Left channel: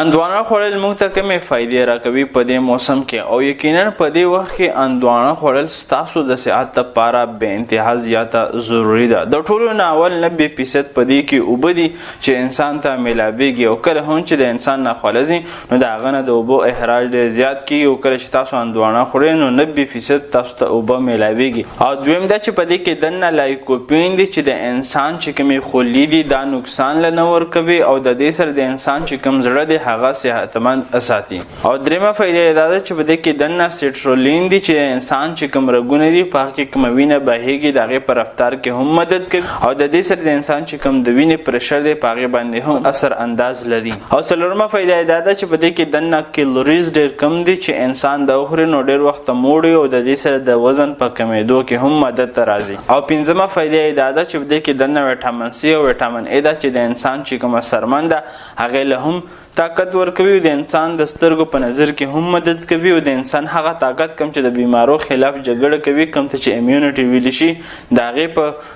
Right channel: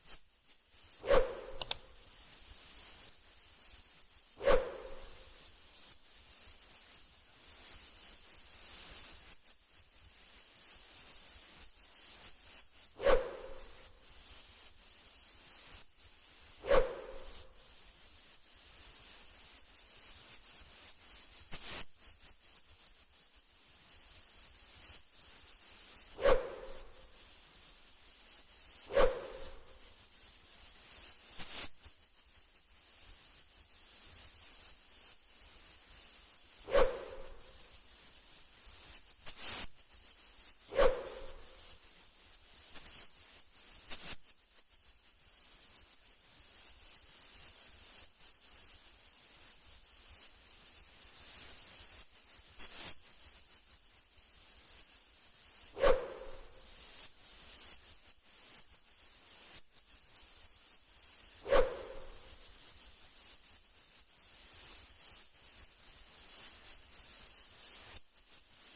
اندوانه خوړل موږ ته کومې فایدې راکوي په دې موسم کې او یقینا په دې وخت کې اندوانه خوړل ستاسو د صحت لپاره بې انتها زیاته ضروري ده. د ټولو نه اول 90% په دې کې اوبه دي چې انسان ته میلاویږي او کله هم چې د انسان نه خوړل نو د هغه نه د اوبو اخراج ډېر زیات کېږي او کله چې تاسو اندوانه خورئ نو 90% تاسو ته اوبه میلاویږي. او دویم دا چې په دې کې دننه لایکوپین دي چې د انسان چې کومې خولې دي دا نقصان له نه ورکوي او د دې سره د انسان چې کوم زړه دی هغه صحتمند ساتي. او دریمه فایده دا ده چې په دې کې دننه سټرولین دي چې انسان چې کوم رګونه دي په هغه کې کومه وینه بهیږي د هغې په رفتار کې هم مدد کوي او د دې سره د انسان چې کوم د وینې پرشر دی په هغې باندې هم اثر انداز لري. او څلورمه فایده دا ده چې په دې کې دننه کیلوریز ډېر کم دي چې انسان د وخوري نو ډېر وخت موړ وي او د دې سره د وزن په کمېدو کې هم مدد ته راځي. او پنځمه فایده دا ده چې په دې کې دننه ویټامین سی او ویټامین ای ده چې د انسان چې کومه سرمن ده هغې له هم طاقت ورکوي او د انسان د سترګو په نظر کې هم مدد کوي او د انسان هغه طاقت کم چې د بیمارو خلاف جګړه کوي کم ته چې امیونټي ویلی شي د هغې په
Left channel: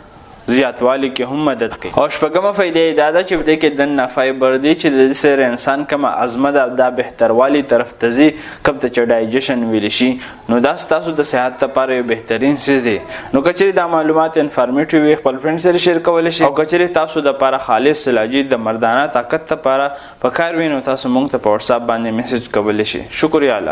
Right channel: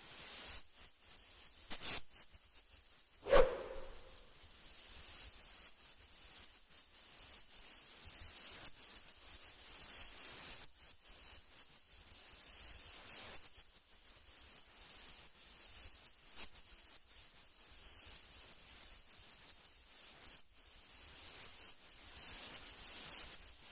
زیاتوالي کې هم مدد کوي. او شپږمه فایده دا ده چې په دې کې دننه فایبر دی چې د دې سره انسان کومه عظمه ده دا بهتروالي طرف ته ځي کوم ته چې ډایجیشن ویلی شي نو دا ستاسو د صحت لپاره یو بهترین څیز دی. نو که چیرې دا معلومات انفارمیټیو وي خپل فرینډ سره شیر کولی شي او که چیرې تاسو دپاره خالص علاجي د مردانه طاقت لپاره پکار وي نو تاسو موږ ته په واتساپ باندې میسج کولی شي. شکریه. الله